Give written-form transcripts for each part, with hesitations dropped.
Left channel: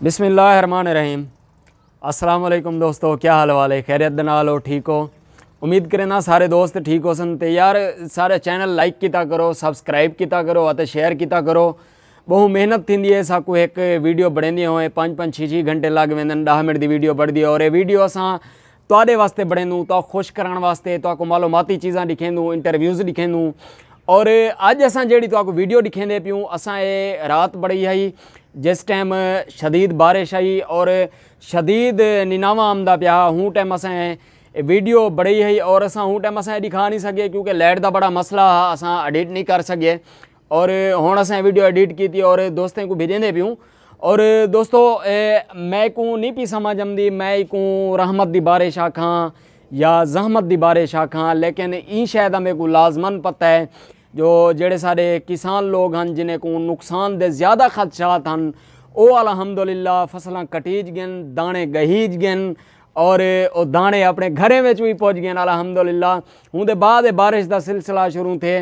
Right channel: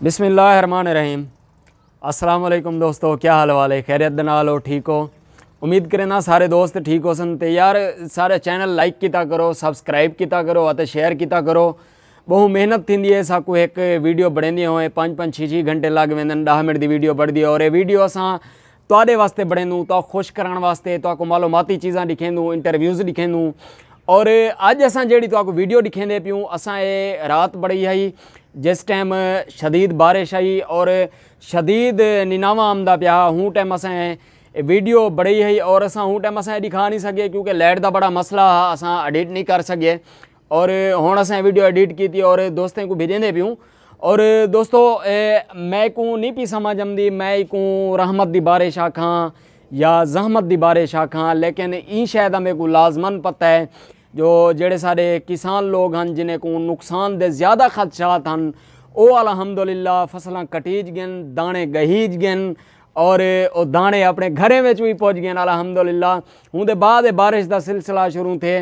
बिस्मिल्लाहिर्रहमानिर्रहीम। अस्सलाम वालेकुम दोस्तों, क्या हाल वाले, खैरियत दे नाल हो, ठीक हो? उम्मीद करें ना सारे दोस्त ठीक हो सन। तो यार सारे चैनल लाइक किया करो, सब्सक्राइब किया करो और शेयर किया करो। बहु मेहनत थी है साकू एक वीडियो बढ़ेंदी होए 5-5 6 घंटे लग वेंदन 10 मिनट की वीडियो बढ़ती है। और ये वीडियो असां तुहाडे वास्ते बढ़ेंदू, तो खुश कराने वास्ते, तो मालूमाती चीज़ां दिखेंदू, इंटरव्यूज़ दिखेंदू। और अज असां जेड़ी तो वीडियो दिखेंदे पियूं, असां ये रात बड़ी आई जिस टाइम शदीद बारिश आई और शदीद निनावा आमदा पिया। हूँ टाइम असां वीडियो बड़ी है और असां हूँ टाइम असां दिखा नहीं सके क्योंकि लाइट का बड़ा मसला है, असां एडिट नहीं कर सके। और हुण असां वीडियो एडिट की थी और दोस्तों को भेजेंदे पियूं। और दोस्तों मैं को नहीं पी समझ आमदी मैं को रहमत की बारिश आखां या जहमत की बारिश आखां, लेकिन ई शायद मेरे को लाजमन पता है जो जेड़े सारे किसान लोग हैं जिन्हें को नुकसान दे ज़्यादा खदशात हैं, वो अलहमदुलिल्लाह फसलां कटीज गन, दाने गहीज गन और दाने अपने घरें में भी पहुँच गए अलहमदुलिल्लाह। हूँ दे बाद बारिश का सिलसिला शुरू थे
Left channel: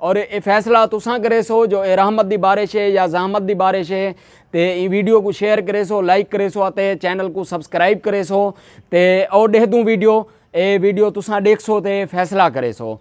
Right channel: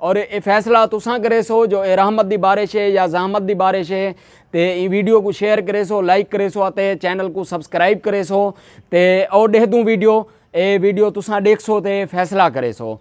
और ये फैसला तुसां करे सो जो रहमत की बारिश है या जहमत की बारिश है। तो ये वीडियो को शेयर करे सो, लाइक करे सो, आते चैनल को सब्सक्राइब करे सो। तो और देख दूँ वीडियो तुसां देख सो तो फैसला करे सो।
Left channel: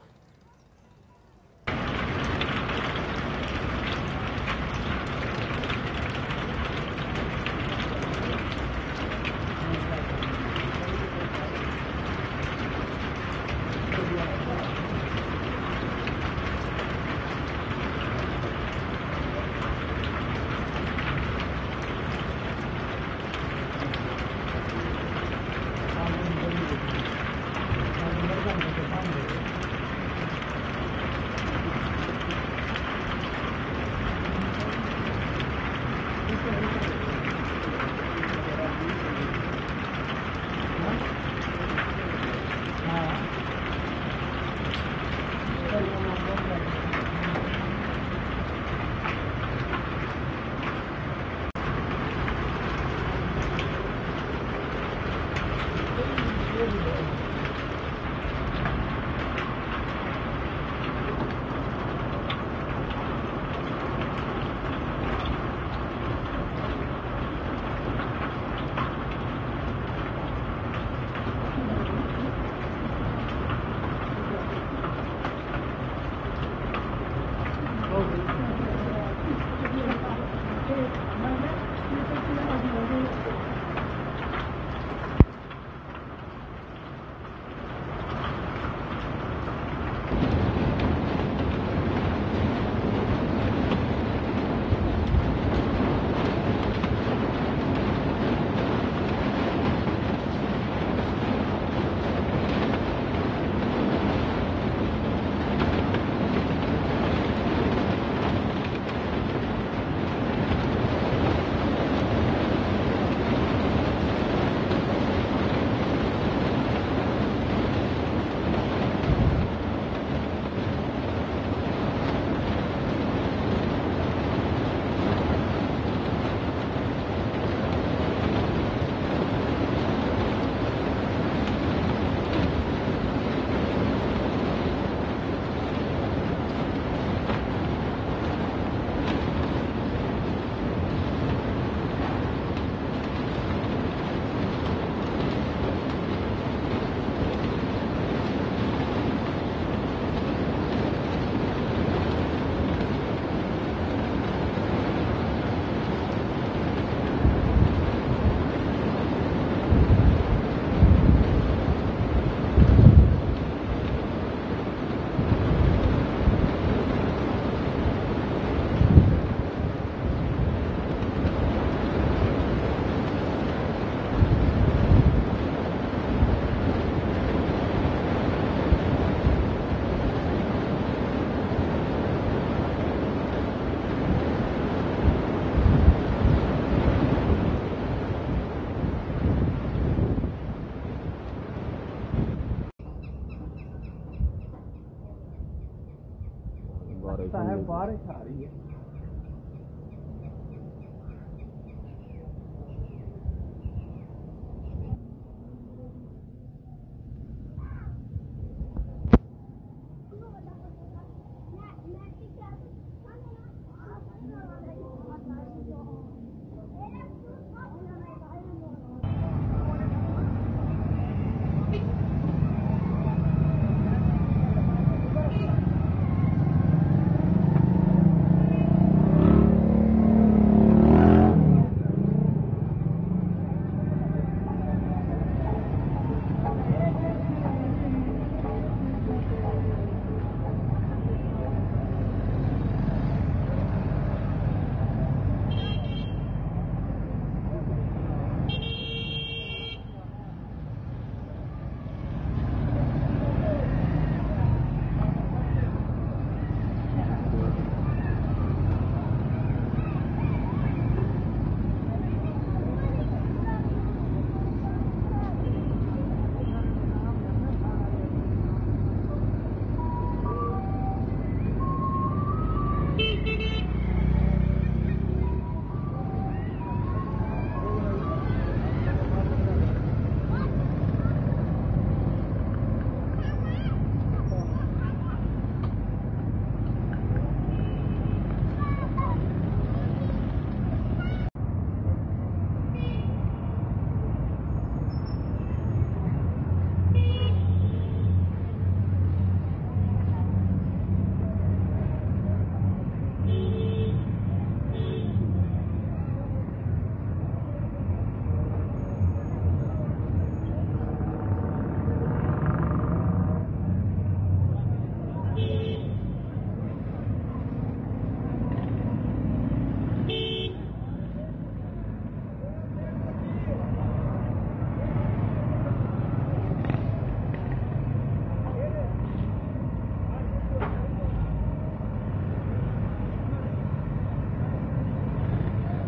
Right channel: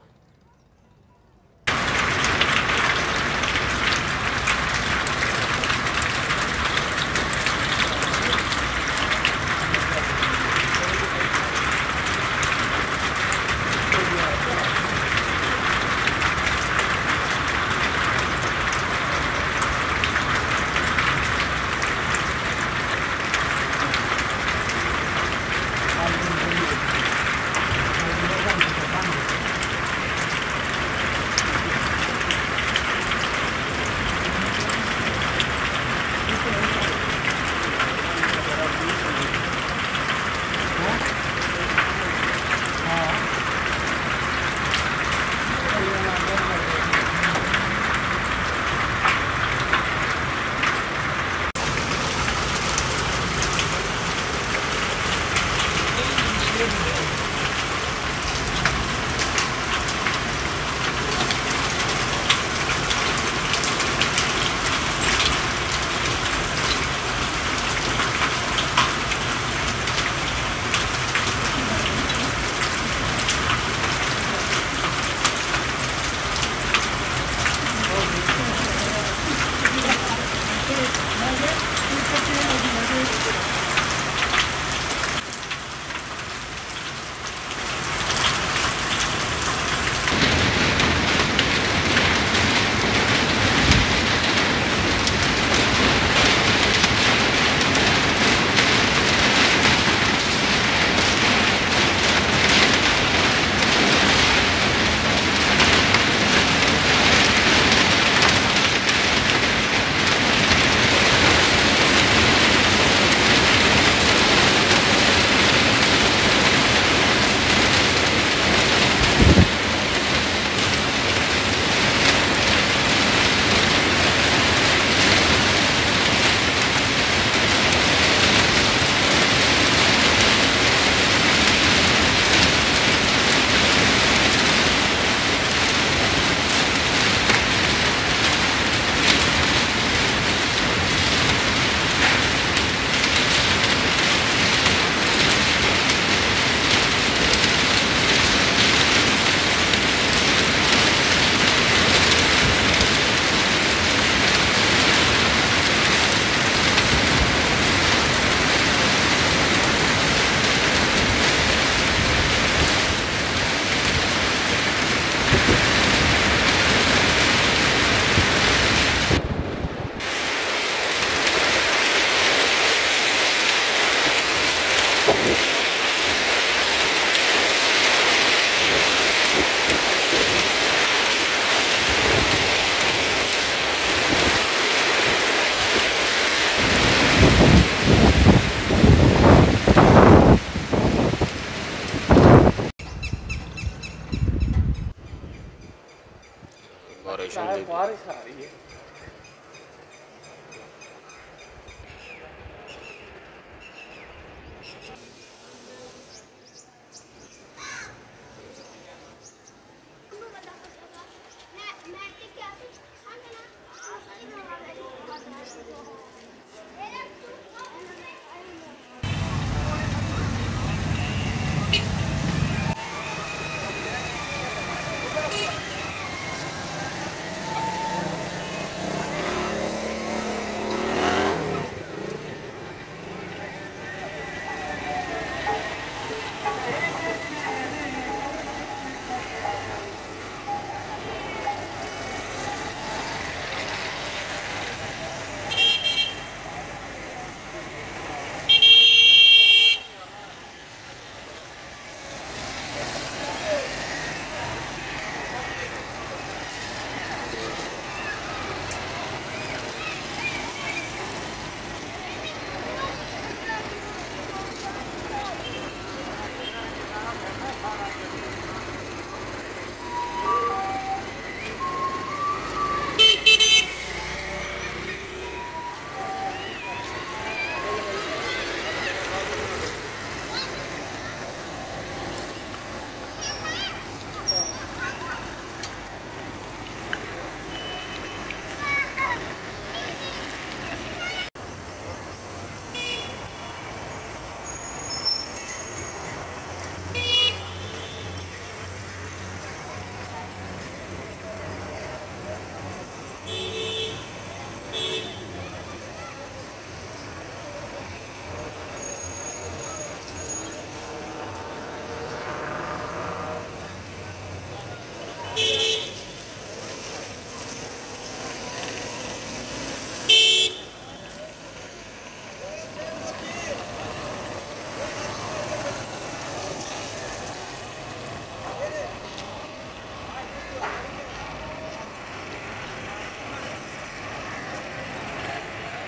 बारिश आ रही है।